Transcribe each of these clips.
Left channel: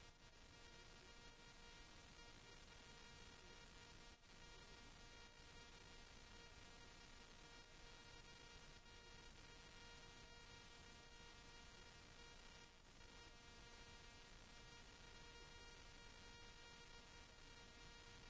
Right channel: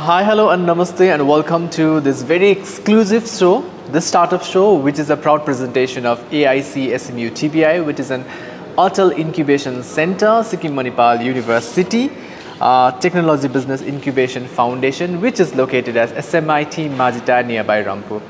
Hi, hello, and namaste, and welcome to this very exclusive show, this startup show, which is a proud presentation of AIC SMU TBI, which is an Atal Incubation Center, Sikkim Manipal University, Technology Business Incubation Foundation, which is located at SMIT Majita nearby Rampur.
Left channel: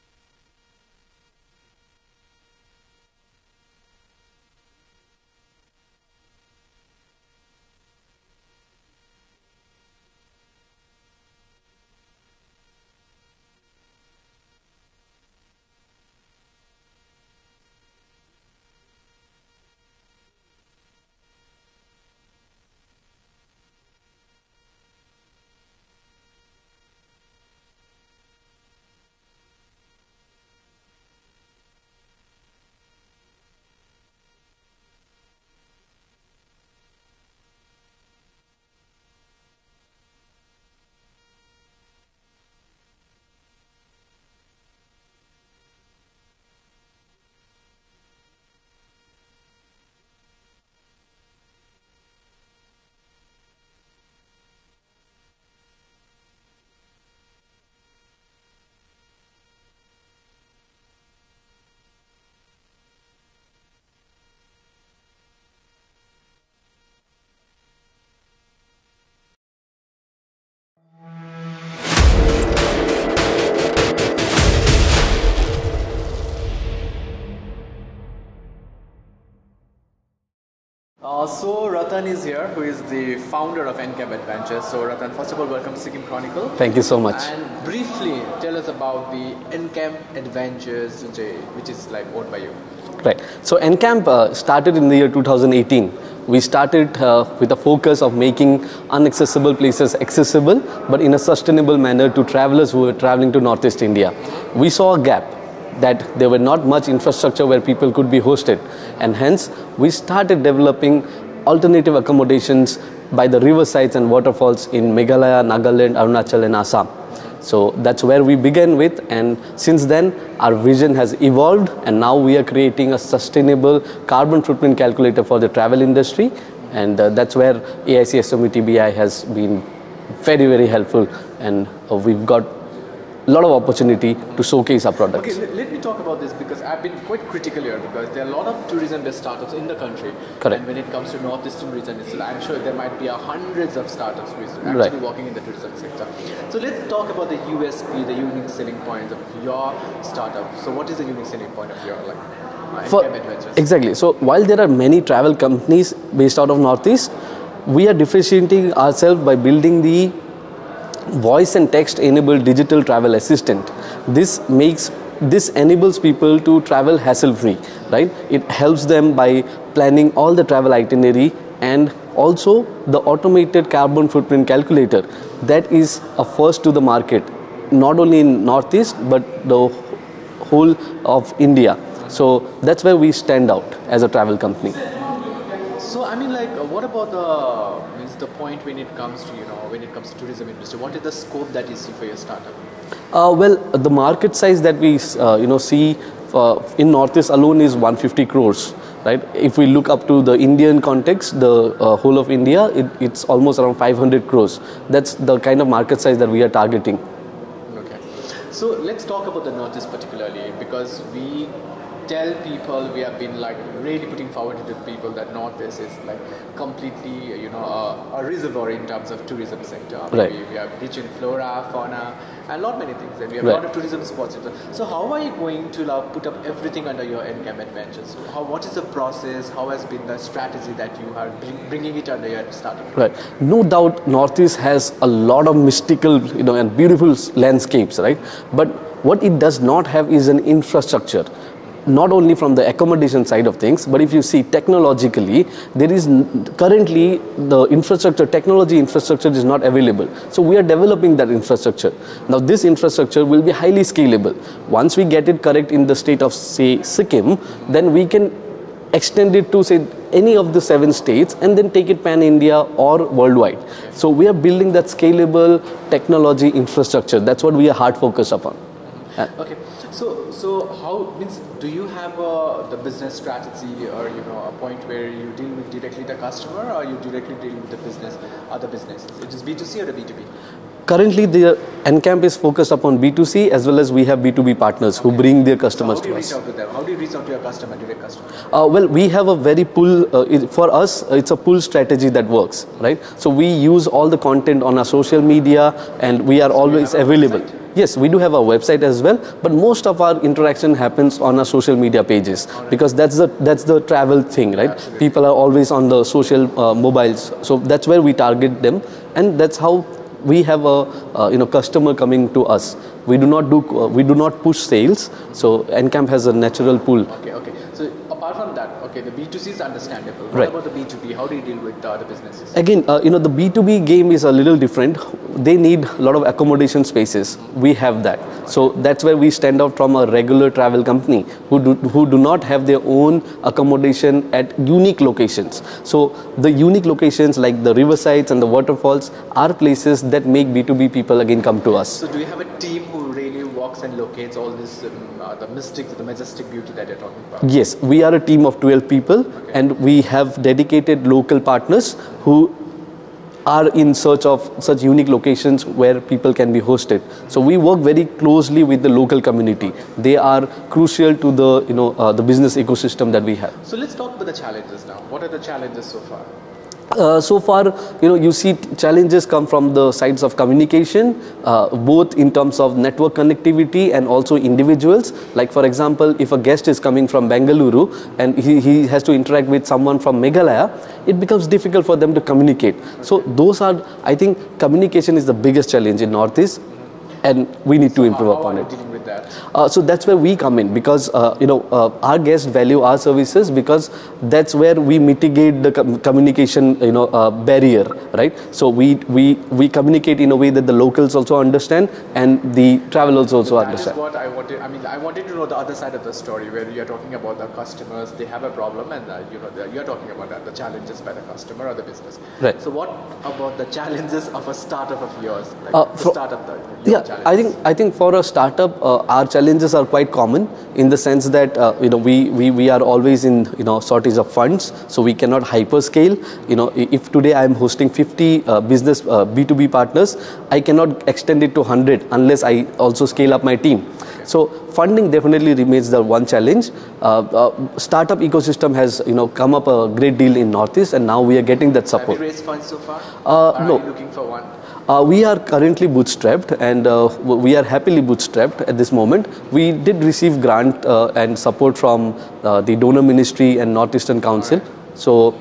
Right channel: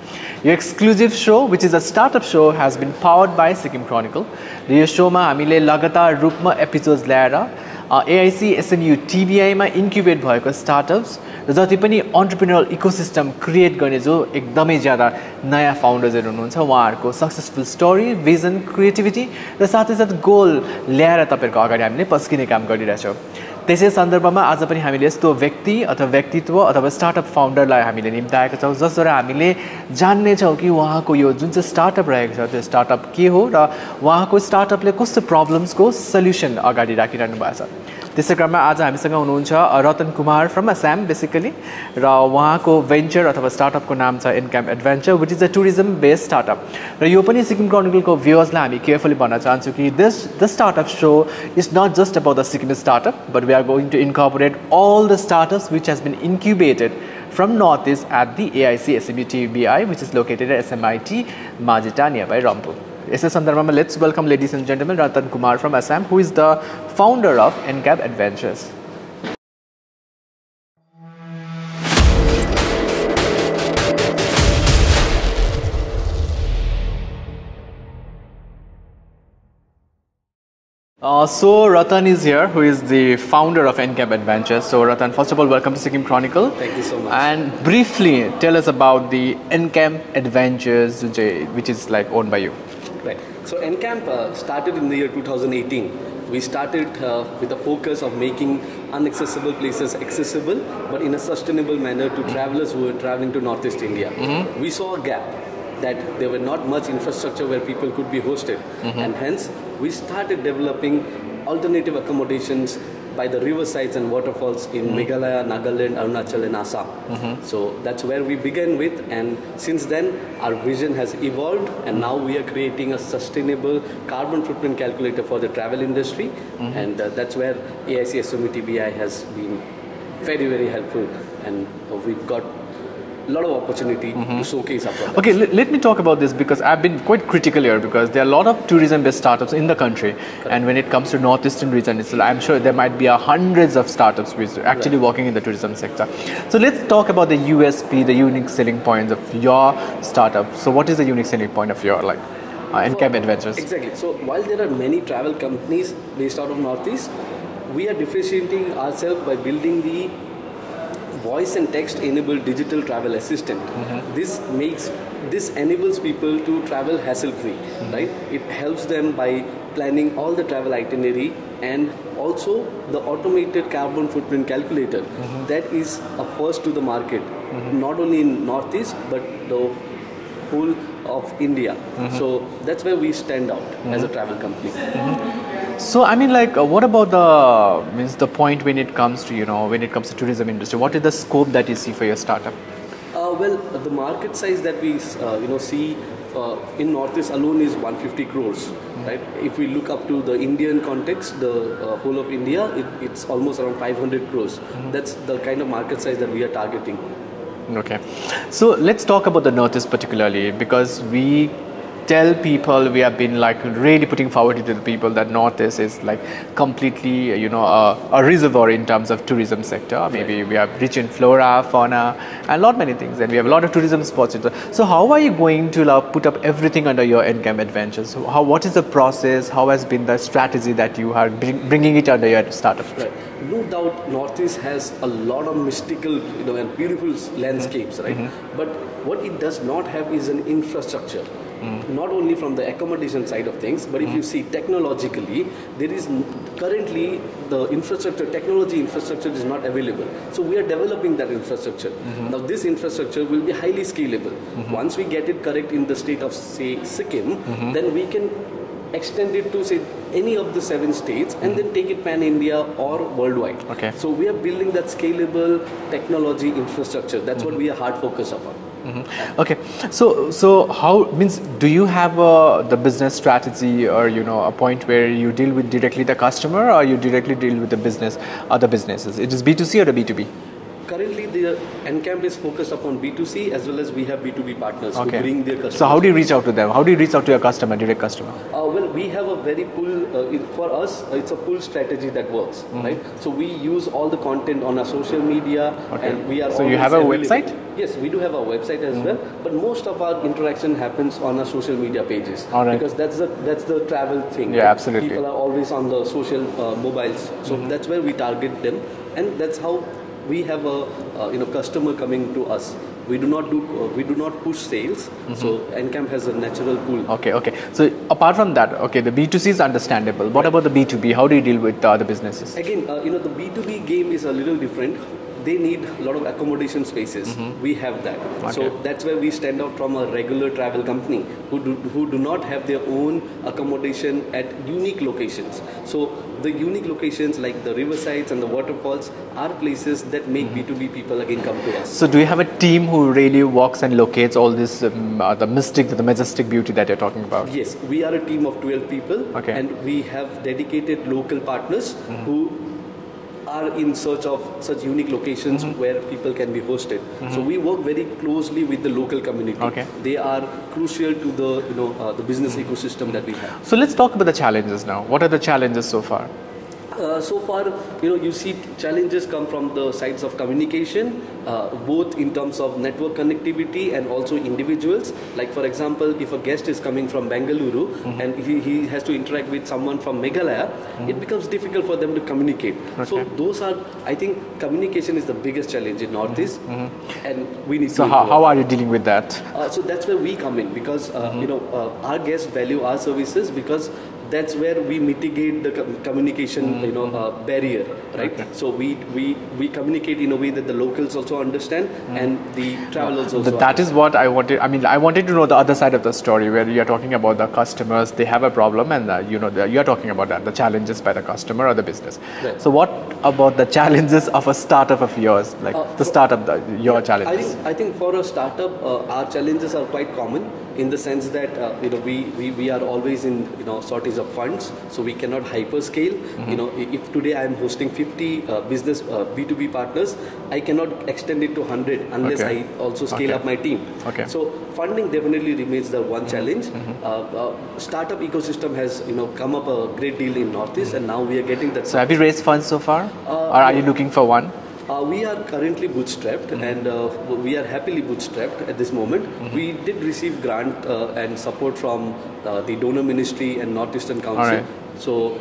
Your exclusive show, which is a startup show, has been powered by Sikkim Chronicle. This show ma हामीले लगातार रूपमा episodes ल्याएर AIC SMU TBI मा incubate भएको startups र जति पनि entrepreneurial ecosystem create गर्ने जो एकदमै ज्यादा नयाँ foundersहरु हुनुहुन्छ उहाँहरुको successful story, vision, creativity र साथै साथ goal ल्याएर तपाईहरुको अगाडि हामीले पस्किने काम गरिरहेछौं। त्यसै सन्दर्भमा आज पनि हामीले यस्तो व्यक्ति अथवा व्यक्तित्व अथवा स्टार्टअप फाउन्डरलाई हामीले निम्ताएका छौं जसद्वारा हामीले जान्ने छौं कि उहाँको यो जुन चाहिँ स्टार्टअप रहेको छ त्यो स्टार्टअप के हो र उहाँको स्टार्टअपले कस्तो प्रब्लम्सको सल्युसन अगाडि राखिरहनु भएको छ। त्यसै क्रममा आज हामीसँग हुनुहुन्छ रतन कुमार फ्रम असम बेसिकली र उहाँको भेन्चर अथवा स्टार्टअपको नाम छ encamp adventure which is a tourism based startup र यो पनि सिक्किम क्रोनिकलको भ्युअर्सलाई हामी केयरफुली भन्न चाहन्छु कि the startup show is not just about the Sikkim startup but we are going to incorporate all the startups which has been incubated from Northeast at the AIC SMU TBI which is located at SMIT Majita nearby Rampur. यसै सन्दर्भमा let's welcome ladies and gentlemen Ratan Kumar from Assam who is the founder of NCAP Adventures. So Ratan is here, who is the founder of NCAP Adventures. So Ratan, first of all, welcome to Sikkim Chronicle. Thank you so much. And briefly, tell us about the NCAP Adventures, which is like owned by you. Right. So NCAP started in the year 2018. We started with a focus of making inaccessible places accessible, but in a sustainable manner to travelers who are traveling to Northeast India. We saw a gap that there were not much infrastructure where people could be hosted, and hence we started developing alternative accommodations by the riversides and waterfalls in Meghalaya, Nagaland, Arunachal and Assam. So that's where we began with, and since then our vision has evolved and now we are creating a sustainable carbon footprint calculator for the travel industry, and that's where AIC SMU TBI has been very, very helpful, and we've got a lot of opportunity to showcase our products. Okay, let me talk about this because I've been quite critical here because there are a lot of tourism-based startups in the country. Correct. And when it comes to Northeastern region, I'm sure there might be hundreds of startups which are actually working in the tourism sector. So let's talk about the USP, the unique selling points of your startup. So what is the unique selling point of your NCAP Adventures? Exactly. So while there are many travel companies based out of Northeast, we are differentiating ourselves by building the voice and text enabled digital travel assistant. This enables people to travel hassle free, right? It helps them by planning all the travel itinerary, and also the automated carbon footprint calculator that is a first to the market, not only in Northeast but the whole of India. So that's where we stand out as a travel company. So I mean, what about the point when it comes to when it comes to tourism industry? What is the scope that you see for your startup? Well, the market size that we see in Northeast alone is 150 crores, right? If we look up to the Indian context, the whole of India, it's almost around 500 crores. That's the kind of market size that we are targeting. Okay, so let's talk about the Northeast particularly because we tell people, we have been really putting forward to the people that Northeast is completely a reservoir in terms of tourism sector. Maybe we are rich in flora, fauna and many things, and we have a lot of tourism spots. So how are you going to put up everything under your NCAP Adventures? So what is the process? How has been the strategy that you are bringing it under your startup? Right. No doubt Northeast has a lot of mystical and beautiful landscapes, right? But what it does not have is an infrastructure. Not only from the accommodation side of things, but if you see technologically, there is currently the technology infrastructure is not available. So we are developing that infrastructure. Now this infrastructure will be highly scalable. Once we get it correct in the state of say Sikkim, then we can extend it to say any of the 7 states and then take it pan-India or worldwide. Okay. So we are building that scalable technology infrastructure. That's what we are hard focused upon. Okay, so how do you have the business strategy or a point where you deal with directly the customer or you directly deal with the business, other businesses? It is B2C or the B2B? Currently, the Encamp is focused upon B2C as well as we have B2B partners who bring their customers. So how do you to reach us. out to them? How do you reach out to your customer, direct customer? Well, we have a very pull, for us, it's a pull strategy that works, right? So we use all the content on our social media and we are So always you have a available. website? Yes, we do have a website as well, but most of our interaction happens on our social media pages because that's the travel thing, right? Absolutely. People are always on the social mobiles, so that's where we target them, and that's how we have a customer coming to us. We do not push sales, so Encamp has a natural pull. Okay. So apart from that, the B2C is understandable. What about the B2B? How do you deal with the businesses? Again, the B2B game is a little different. They need a lot of accommodation spaces. We have that. So that's where we stand out from a regular travel company who do not have their own accommodation at unique locations. So the unique locations like the riversides and the waterfalls are places that make B2B people again come to us. So do you have a team who really walks and locates all this, the majestic beauty that you're talking about? Yes, we are a team of 12 people and we have dedicated local partners who are in search of such unique locations where people can be hosted. So we work very closely with the local community. They are crucial to the the business ecosystem that we have. So let's talk about the challenges now. What are the challenges so far? So far, you see challenges come from the sides of communication, both in terms of network connectivity and also individuals. Like for example, if a guest is coming from Bengaluru and he has to interact with someone from Meghalaya, it becomes difficult for them to communicate. So those are, I think, communication is the biggest challenge in Northeast. And we need to improve. How are you dealing with that? So that's where we come in because our guests value our services because that's where we mitigate the communication barrier, right? So we communicate in a way that the locals also understand and the travelers also That understand. is what I wanted. I mean, I wanted to know the other side of the story where you are talking about the customers, they have a problem, and you are talking about the challenges by the customer or the business. Right. So what about the challenges of a startup of yours, like the startup, your challenges? I think for a startup, our challenges are quite common in the sense that we are always in shortage of funds, so we cannot hyperscale. If today I am hosting 50 business B2B partners, I cannot extend it to 100 unless I also scale up my team. So funding definitely remains the one challenge. Startup ecosystem has come up a great deal in Northeast, and now we are getting that support. So have you raised funds so far, or are you looking for one? We are currently bootstrapped and we are happily bootstrapped at this moment. We did receive grant and support from the donor ministry and Northeastern Council. So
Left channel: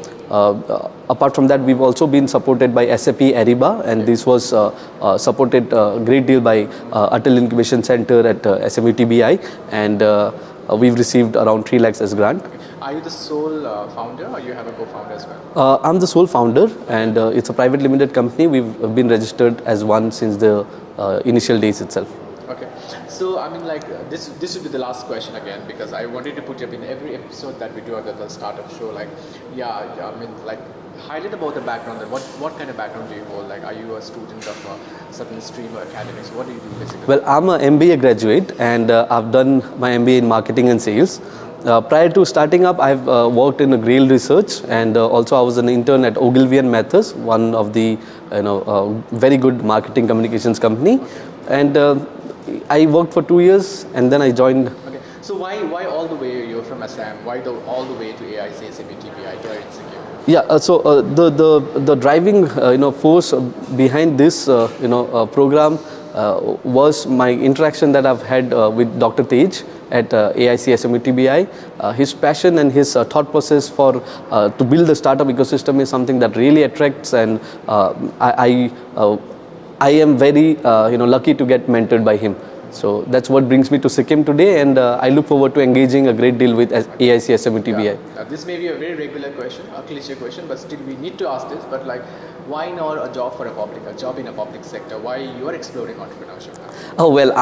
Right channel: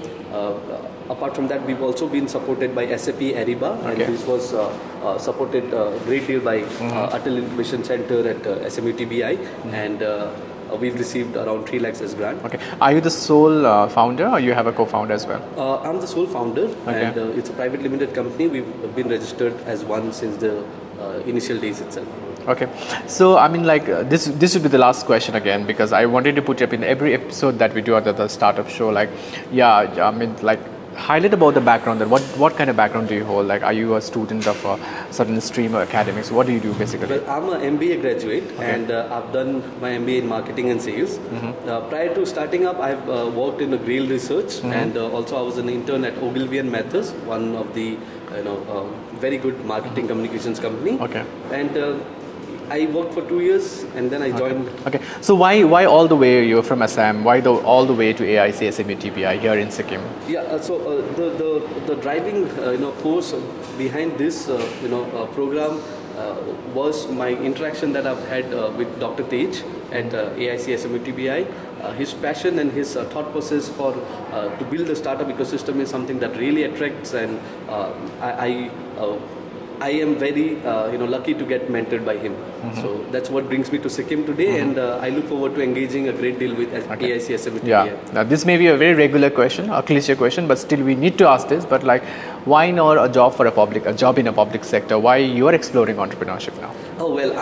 apart from that, we've also been supported by SAP Ariba, and this was supported a great deal by Atal Incubation Center at SMU TBI, and we've received around 3 lakhs as grant. Are you the sole founder or you have a co-founder as well? I'm the sole founder and it's a private limited company. We've been registered as one since the initial days itself. So I mean, like this would be the last question again, because I wanted to put it up in every episode that we do at the startup show. Like, I mean, like, highlight about the background. That what kind of background do you hold? Like, are you a student of a certain stream or academics? What do you do basically? Well, I'm an MBA graduate and I've done my MBA in marketing and sales. Prior to starting up, I've worked in Grail Research and also I was an intern at Ogilvy and Mathers, one of the very good marketing communications company. And I worked for 2 years and then I joined. So why all the way you're from Assam? Why all the way to AIC SMU TBI here in Sikkim? So the driving force behind this program was my interaction that I've had with Dr. Tej at AIC SMU TBI. His passion and his thought process for to build the startup ecosystem is something that really attracts, and I am very lucky to get mentored by him. So that's what brings me to Sikkim today, and I look forward to engaging a great deal with AIC SMU TBI. Now this may be a very regular question, a cliche question, but still we need to ask this. But like, why not a job in a public sector? Why you are exploring entrepreneurship now? Oh well,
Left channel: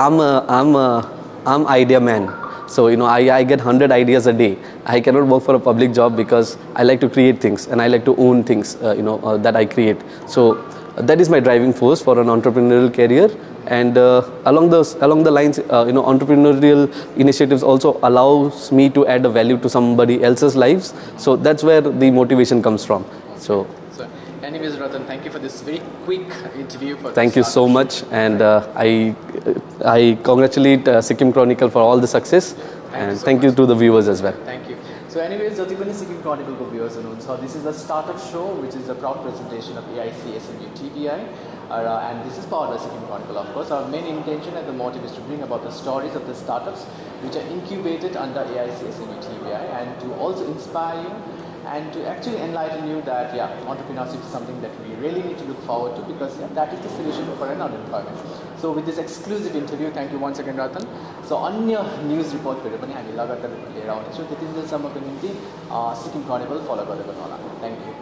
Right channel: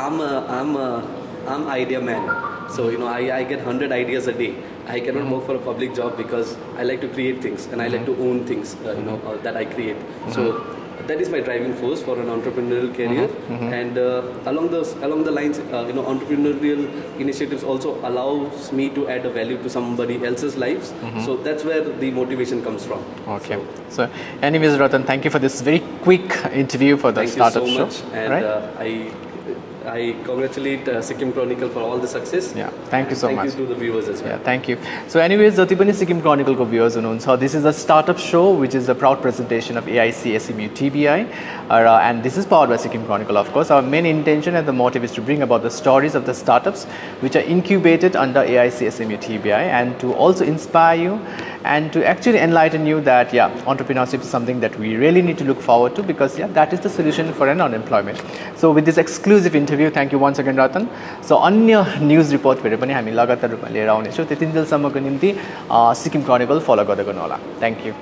I'm idea man. So I get 100 ideas a day. I cannot work for a public job because I like to create things and I like to own things that I create. So that is my driving force for an entrepreneurial career. And along the lines, entrepreneurial initiatives also allows me to add a value to somebody else's lives. So that's where the motivation comes from. Okay. So anyways, Ratan, thank you for this very quick interview for the Thank you so much, and I congratulate Sikkim Chronicle for all the success. Yeah, thank you so much. Thank you to the viewers as well. Yeah, thank you. So anyways, जति पनि Sikkim Chronicle को viewers हुनुहुन्छ, this is a startup show which is a proud presentation of AIC SMU TBI, and this is powered by Sikkim Chronicle, of course. Our main intention and the motive is to bring about the stories of the startups which are incubated under AIC SMU TBI, and to also inspire you and to actually enlighten you that entrepreneurship is something that we really need to look forward to, because that is the solution for an unemployment. So with this exclusive interview, thank you once again, Ratan. So अन्य news report फेरि पनि हामी लगातार रूपमा लिएर आउने छौं। त्यतिन्जेलसम्मको निम्ति सिक्किम क्रोनिकल फलो गर्दै गर्नु होला। Thank you.